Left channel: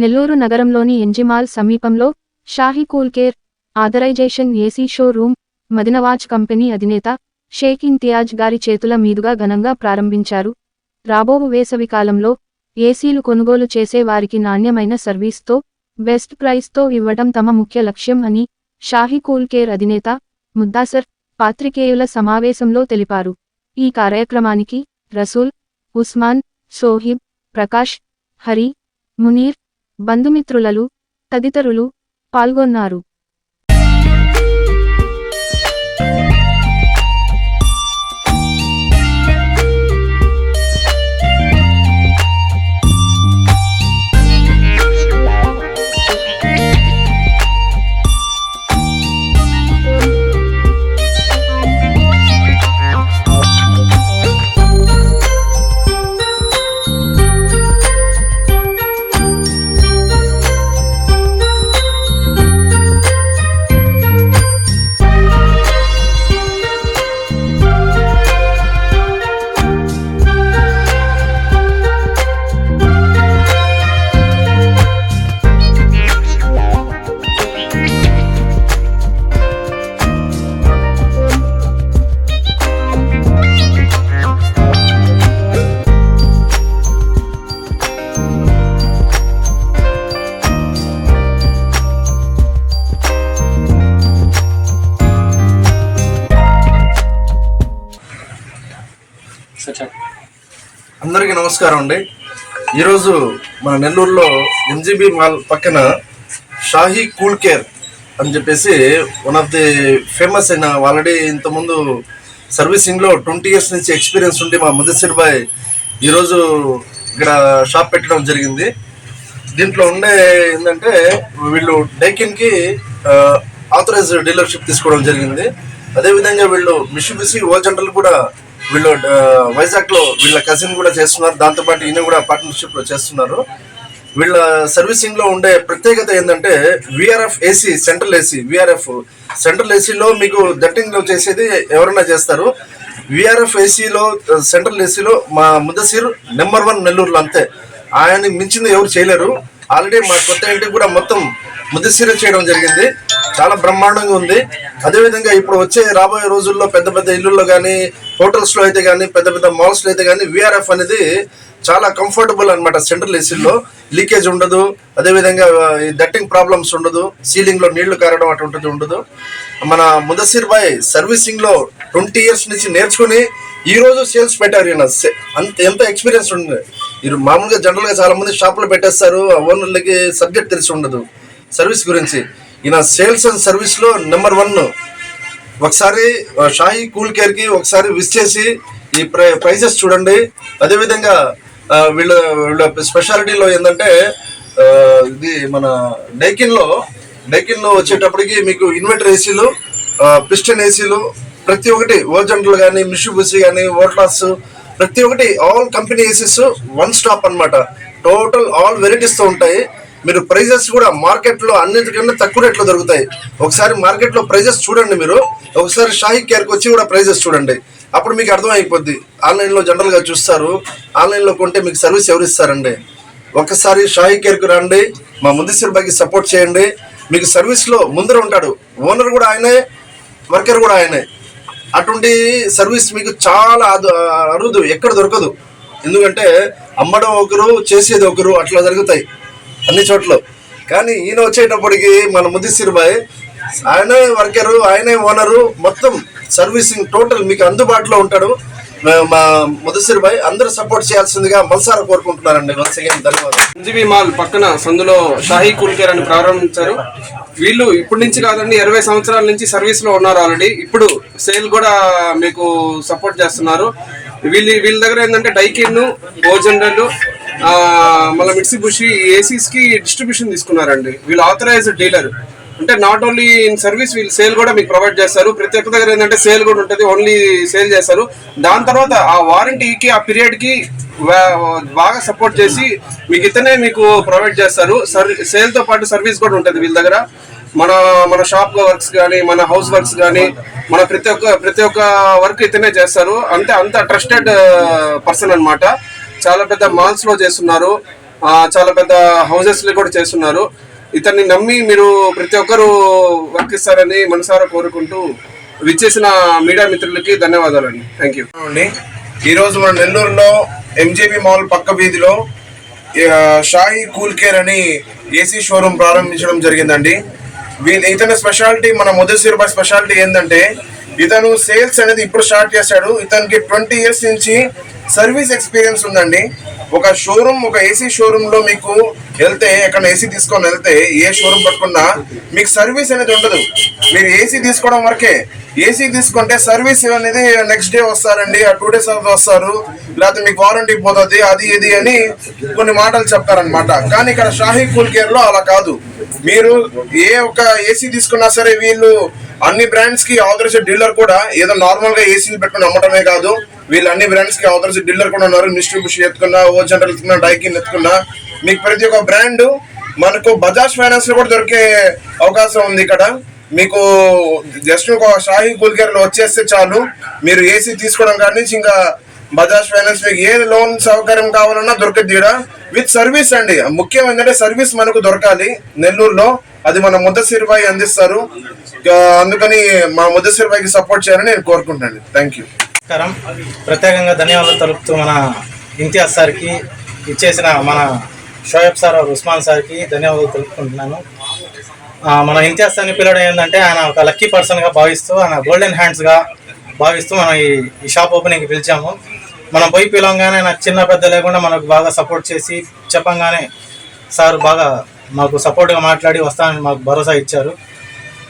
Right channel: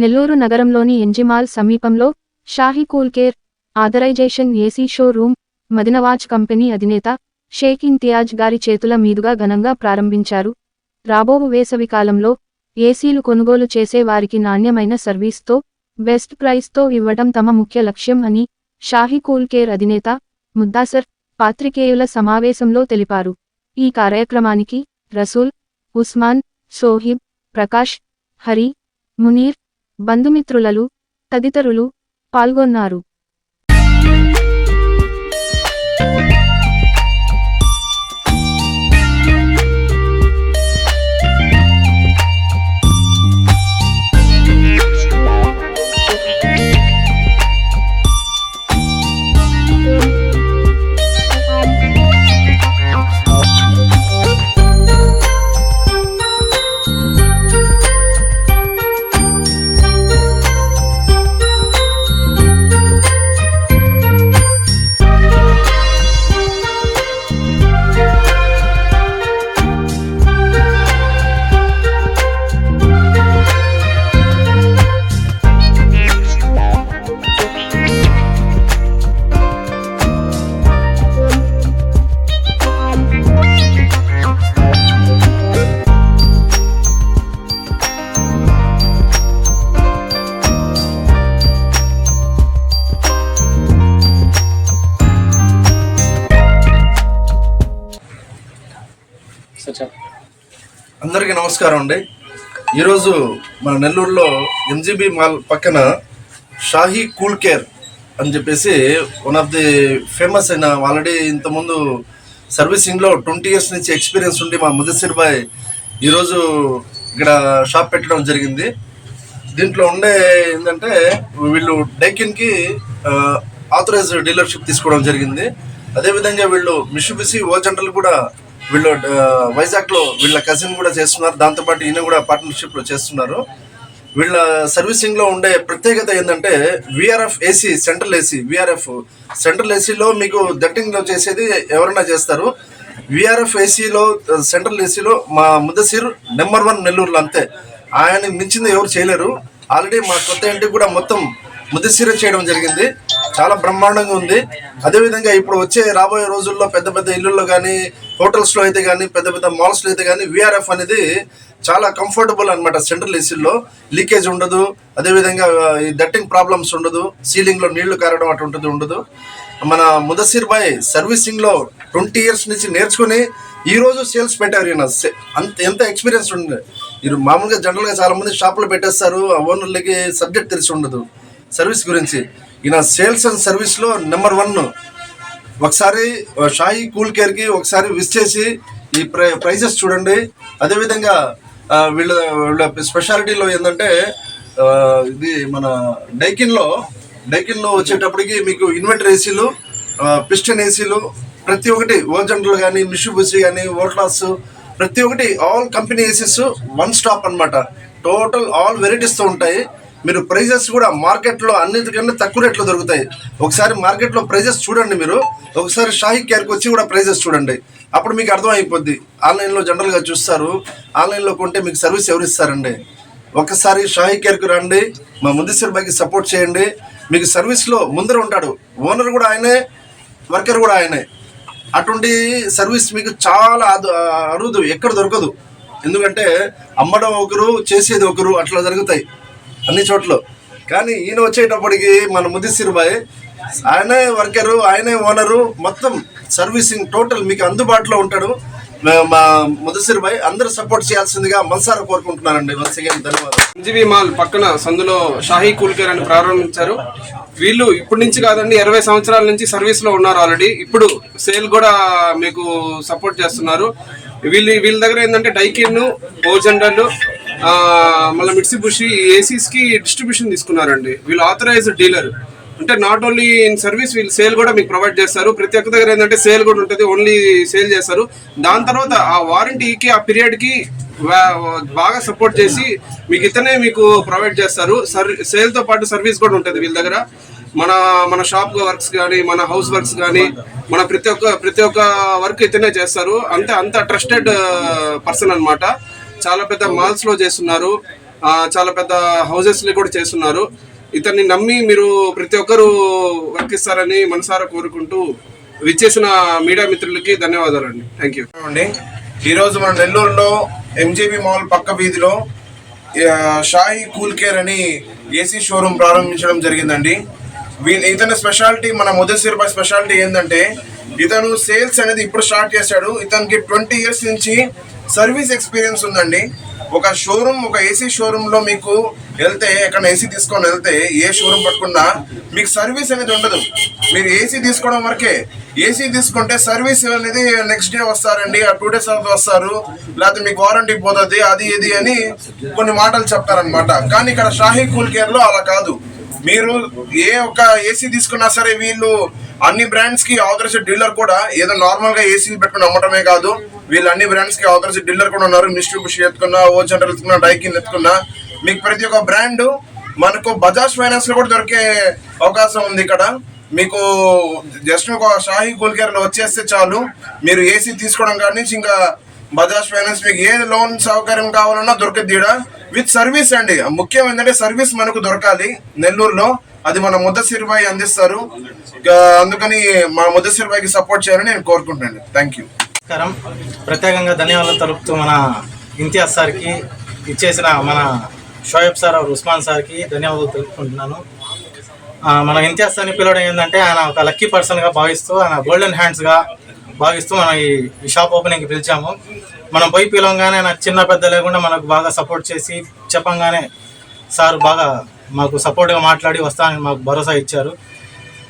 నెల్లూరు నగరంలోని ఎంజిమాల్ సమీపంలో Shahi cool care authorization AC showroom Madinawaz company అధినేత షేక్ ఇంతియాజ్ గారి చేతుల మీదుగా ఘనంగా ప్రారంభించారు. రాబోవు వేసవికాలంలో ఏసీలు కొనుగోలు చేసే వారికి నాణ్యమైన సర్వీస్తో బెస్ట్ ప్రైస్తో ఇవ్వడం తమ ముఖ్య లక్ష్యం అని షాహీ కూల్ కేర్ అధినేత ముద్దాసర్ పాత్రికేయుల సమావేశంలో తెలిపారు. ఈ కార్యక్రమానికి రసూల్ ఉస్మాన్ సోహిబ్ ప్రకాష్ హరి మునీర్ బంధుమిత్రులలు తదితరులు పాల్గొన్నారు. అందరికీ నమస్కారం అండి. ఈరోజు మన నెల్లూరులో ఎంజీబీ మాల్ పక్కన షాహీ కూల్ కేర్ అని చెప్పేసి వన్ ఆఫ్ ది ఫేమస్ అయిన ఆల్రెడీ ఇంతకుముందు సర్వీసింగ్లో ట్వంటీ ఇయర్స్ నుంచి ఎక్స్పీరియన్స్ ఉండి మా ముదసిర్ బాయ్ ఈరోజు ఇక్కడ షాప్ పెట్టడం జరిగింది. దీంట్లో ఉండే ఏంటంటే వీళ్ళు డైకిన్కి ఆథరైజ్ డీలర్షిప్ తీసుకోవడం జరిగింది. అదేవిధంగా వీళ్ళు మిషిబిసి ఓ జనరల్ కూడా వీళ్ళు వైజాగ్లో వీళ్ళ కజిన్ కూడా చేస్తున్నారు. దాంతోపాటు ఈయన కూడా పార్ట్నర్షిప్లో చేస్తున్నారు. వీళ్ళ సర్వీసింగ్లో ఉండే ప్రత్యేకత ఏంటంటే VRF AC central AC VRF central ఏసీలో మీకు దట్టింగ్లో చేసేది ఎవరైనా చేస్తారు. విఆర్ఎఫ్ ఏసీలో సెంట్రల్ ఏసీలో మా ముద్దసీర్ నెంబర్ వన్ నెల్లూరులో అంతే. ఆయన మించింది ఎవరు చేయలేరు. ఆల్రెడీ మా కొత్త ఇంటికి కూడా మొత్తం ముద్దసీర చేయడం జరిగింది. చాలా బ్రహ్మాండంగా ఉంది. అదేవిధంగా ఇప్పుడు వచ్చే రాబోయే రోజుల్లో పెద్ద పెద్ద ఇల్లుల్లో కానీ హోటల్స్లో అయితే కానీ పెద్ద పెద్ద మాల్స్లో అయితే కానీ విఆర్ఎఫ్ అనేది చాలా కంఫర్టబుల్ అనమాట సెంట్రల్ ఏసీలో లీకేజ్ ఉండదు. అదేవిధంగా డట్టింగ్ ప్రాబ్లమ్స్ ఉండదు. సీలింగ్లో నీళ్ళు కారడం అటువంటిది ఉండదు. మన ముదసిర్ బాయ్ సర్వీసింగ్లో ట్వంటీ ఇయర్స్ నుంచి నేర్చుకుని ఈరోజు సేల్స్ పెట్టారు ఈయన. సే- అంత ఎంత ఎక్స్పీరియన్స్ ఉంది మీరు మామూలుగా జనరల్గా చాలామంది చాలా మంది షాపులు పెట్టేస్తారు. ఓనర్లకి సబ్జెక్ట్ తెలిసి ఉండదు. సర్వీస్ గురించి. ఈయన సేల్స్ అండ్ సర్వీస్లో నెంబర్ వన్. ఒకసారి షాహీ కూల్ కేర్కి ఒకసారి విజ్ చేసి ఈ ప్రై ప్రైజెస్ చూడండి. అదేవిధంగా వీళ్ళ వీళ్ళ స్పెషాలిటీలో ఏంటంటే ఇది మన డైకిన్లో డైకిన్లో వచ్చేటప్పటికి మీకు ఇన్వర్టర్ ఏసీలు పిస్టన్ ఏసీలు ప్రతి ఒక్కటి ఓర్జెంట్లు కానీ మిషుబుసి కానీ ఓట్లాస్ ప్రతి ఒక్కటి all company ACs one stop అన్నమాట. టోటల్ ఆల్ వెరైటీస్తో ఉంటాయి. మీరు ప్రైజెస్ కూడా మార్కెట్లో అన్నిటికన్నా తక్కువ రేట్లో దొరుకుతాయి. ఒకసారి మార్కెట్లో ప్రైజెస్ చూడండి మీరు. ఒకసారి షాహీ కేర్కి వచ్చి కూడా ప్రైజెస్ చూడండి. అప్పుడు మీకు అర్థమైపోద్ది. ఆన్లైన్లో జనరల్గా చూస్తారు. ఆన్లైన్లో కొంటే మీకు సర్వీస్ ఎవరు ఇస్తారండి? ఒకసారి షాహీ కేర్కి రండి. మా ముద్దిసిర్ బాయ్కి సపోర్ట్ చేయండి. మీకు సర్వీస్లో ముందర ఉంటాడు. ఓనర్ కూడా ఆయనే వర్కర్ కూడా ఆయనే. అటువంటి సర్వీస్ మీకు చాలా అదు అరుదు. ఎక్కడ దొరకదు. ఎందుకంటే అమ్మడం ఒకరు చేసేది ఒకరు అట్లా జరుగుతాయి. అన్ని చోట్ల. కానీ ఈయన వచ్చేటప్పటికి మన ముద్దిసిర్ బాయ్ ఆయనే వర్కరు ఆయనే ఓనరు మొత్తం సర్వీసింగ్ టోటల్ మీకు అందుబాటులో ఉంటాడు. మా- మా ముదసిర్ బాయ్ అందరూ సపోర్ట్ చేయాల్సిందిగా మనసారా కోరుకుంటున్నారండి. వన్స్ అగైన్ ధన్యవాదాలు. సంజీవి మాల్ పక్కన సందులో షాహీ కూల్కేర్ అని ప్రారంభించారు. వీళ్ళు ఇప్పటి నుంచి కాదండి ఇరవై సంవత్సరాల నుంచి సర్వీస్లో ఉన్నారు ఆల్రెడీ ఇప్పుడు సేల్ కూడా మీకు సపోర్ట్ చేస్తున్నారు. వీళ్ళు వీళ్ళ దగ్గర ఏంటంటే డైకిన్ ఓజెండల్ మళ్ళీ మిట్సిబుషి ఏసీస్కి డిస్ట్రిబ్యూషన్ తీసుకున్నారండి. వీళ్ళు ఆథరైజ్డ్ డీలర్ అంటే నాట్ ఓన్లీ ఇన్ సర్వీస్ వీళ్ళు సేల్ కూడా మీకు ప్రొవైడ్ చేస్తారు. ప్రతి ఒక్క దగ్గర ఏంటంటే సేల్ కూడా ఉంటుంది ఓన్లీ సేల్ చేస్తారు. దాని తర్వాత ఆ వారంటీకి ఆ పీరియడ్కి బాగా సపోర్ట్ చేసి మీకు ఇతనే మీకు ప్రొవైడ్ చేస్తారు. సర్ సేల్తో పాటు సర్వీస్ కూడా ఉంటుంది వీళ్ళ దగ్గర. మన మన షాప్ వర్క్స్ కానీ మన హౌస్ వర్క్స్ కానీ మన ప్రతి ఒక్క ప్రతి ఒక్క వర్క్ ఇతనే చేస్తారు. అంతే అంత ట్రస్టెడ్ పర్సన్ అన్నమాట. చాలా పెద్ద మాల్స్లో చేస్తున్నారు. చాలా పెద్ద హౌసెస్ కూడా చేస్తున్నారు. ఇతన్ని నమ్మి మీరు ప్రతి ఒక్కరూ వర్క్ ఇస్తారని మనసారా కోరుకుంటూ విచ్చేసిన మీడియా మిత్రులకి ధన్యవాదాలండి. థ్యాంక్ యూ అండి ఈరోజు మన నెల్లూరులో ఎంజేబీ మాల్ పక్క వీధిలో ఆ, షాహీ కూల్ కేర్ అని ఏసీ షోరూమ్ ప్రారంభించడం జరిగిందండి. వీ- ఇతని స్పెషాలిటీ మన ముదసిర్ స్పెషాలిటీ ఏంటంటే ఇతను సేల్స్ అనేది ఇప్పుడు స్టార్ట్ చేశాడు. ఇతనికి ట్వంటీ ఇయర్స్ నుంచి సర్వీస్ ఎక్స్పీరియన్స్ ఉందండి. ఒక షోరూమ్ ఒక ఏసీ షోరూమ్లో మీకు వెళ్తే ఎక్కడ ఏసీ తీసుకొని వెళ్తే ఏ షోరూమ్ పట్టుకున్నా మీకు సర్వీస్ అనేది ఉండదు. మీరు ఏసీ తీసుకోవడం వరకే. ఏసీ తీసుకుంటే సర్వీస్ అనేది నెక్స్ట్ డే వస్తారండి. ఆ టూ డేస్ వస్తారు. లేకపోతే మీకు వారంటీ పోతుంది అది ఇది అని కొన్ని మాటలు చెప్తారనమాట కానీ ఇక్కడ షాహీ కూల్ కేర్లో అలా కాదు. మీరు ఏ ఒక్క ఏసీ తీసుకున్నా సరే వీళ్ళు అన్ని బ్రాండ్స్కి ఆథరైజ్డ్ డీలర్ కూడా ఏదో నార్మల్గా ఏసీ పెట్టుకుని అమ్మటమే కాదు. వీళ్ళు అన్ని బ్రాండ్స్కి ఆథరైజ్డ్ డీలర్ కూడా ఉన్నారు. మిస్ట్రిబ్యూషన్ ఎత్తుకున్నా ఓ జనరల్ ఎత్తుకున్నా డైకిన్ ఎత్తుకున్నా. మీకు ప్రతి ఒక్క బ్రాండ్ మనకు బజాజ్ ఫైనాన్స్లో కూడా దొరికే అవకాశం ఉంది ఇక్కడ. మీకు జస్ట్ ఒక షాహీ కూల్ వచ్చేస్తే చాలు. మీరు ఏసీ తీసుకోవడం కానీ ఇంకా బజాజ్ ఫైనాన్స్ మీకు ఏ లోన్ సౌకర్యం కావాలన్నా దొరికిద్ది ఈడ. విత్ సర్వీస్ అండి. ముఖ్యం ఏంటంటే సర్వీస్ మనకు దొరకాలి. నెల్లూరులో అది మన ముద్దసిరిబాయి అందిస్తారు. అందుకని మా ముద్దసిరిబాయికి సపోర్ట్ చేయాలని నేను కోరుకుంటున్నాను. థ్యాంక్ యూ నమస్కారం. ప్రత్యేకంగా ధన్యవాదాలు తెలుపుతూ మన ఇంతియాజ్ సార్కి ఇచ్చేసిన మన షోయబ్ సార్ ఉస్మాన్ సార్కి ధన్యవాదాలు తెలుపుకుంటున్నాను. మన ఇంతియాజ్ సార్ని పిలవడం ఏంటంటే ఆయన ఒక లక్కీ పర్సన్గా భావిస్తూ ఆయన గోల్డెన్ హ్యాండ్స్గా భావిస్తూ మనం ఈ షాప్ ఓపెనింగ్కి పిలిచాము. మనం పోయి పిలవంగానే నాకు చిన్న పెద్ద లేకుండా మనకు బాగా సపోర్ట్ చేసి చెప్పంగానే సార్ బాగా మాకు సపోర్ట్గా మాట్లాడి వస్తామని మాకు భరోసా ఇచ్చారు.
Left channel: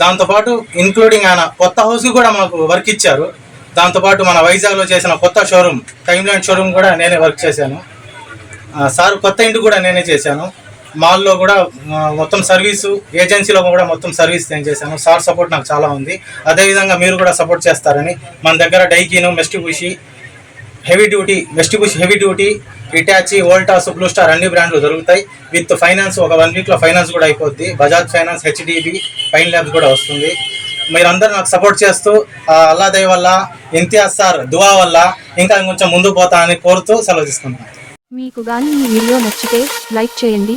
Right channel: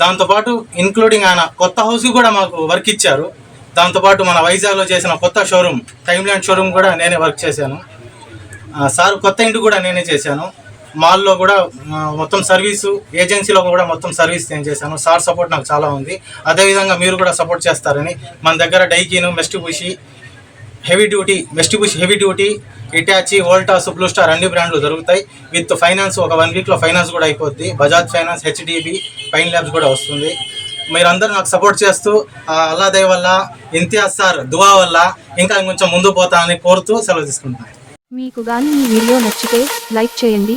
దాంతోపాటు ఇంక్లూడింగ్ ఆయన కొత్త హౌస్కి కూడా మాకు వర్క్ ఇచ్చారు. దాంతోపాటు మన వైజాగ్లో చేసిన కొత్త షోరూమ్ టైమ్ షోరూమ్ కూడా నేనే వర్క్ చేశాను. సార్ కొత్త ఇంటి కూడా నేనే చేశాను. మాల్లో కూడా మొత్తం సర్వీసు ఏజెన్సీలో కూడా మొత్తం సర్వీస్ నేను చేశాను. సార్ సపోర్ట్ నాకు చాలా ఉంది. అదేవిధంగా మీరు కూడా సపోర్ట్ చేస్తారని మన దగ్గర Daikin Mitsubishi heavy duty Mitsubishi heavy duty Hitachi Voltas Blue Star అన్ని బ్రాండ్లు దొరుకుతాయి. విత్ ఫైనాన్స్ ఒక వన్ వీక్లో ఫైనాన్స్ కూడా అయిపోద్ది. Bajaj finance HDB fine labs కూడా వస్తుంది. మీరందరూ నాకు సపోర్ట్ చేస్తూ అల్లా దయ వల్ల ఇంతియాజ్ సార్ దువా వల్ల ఇంకా కొంచెం ముందు పోతా అని కోరుతూ సెలవు తీసుకుంటాను మీకు గాని ఈ వీడియో నచ్చితే లైక్ చేయండి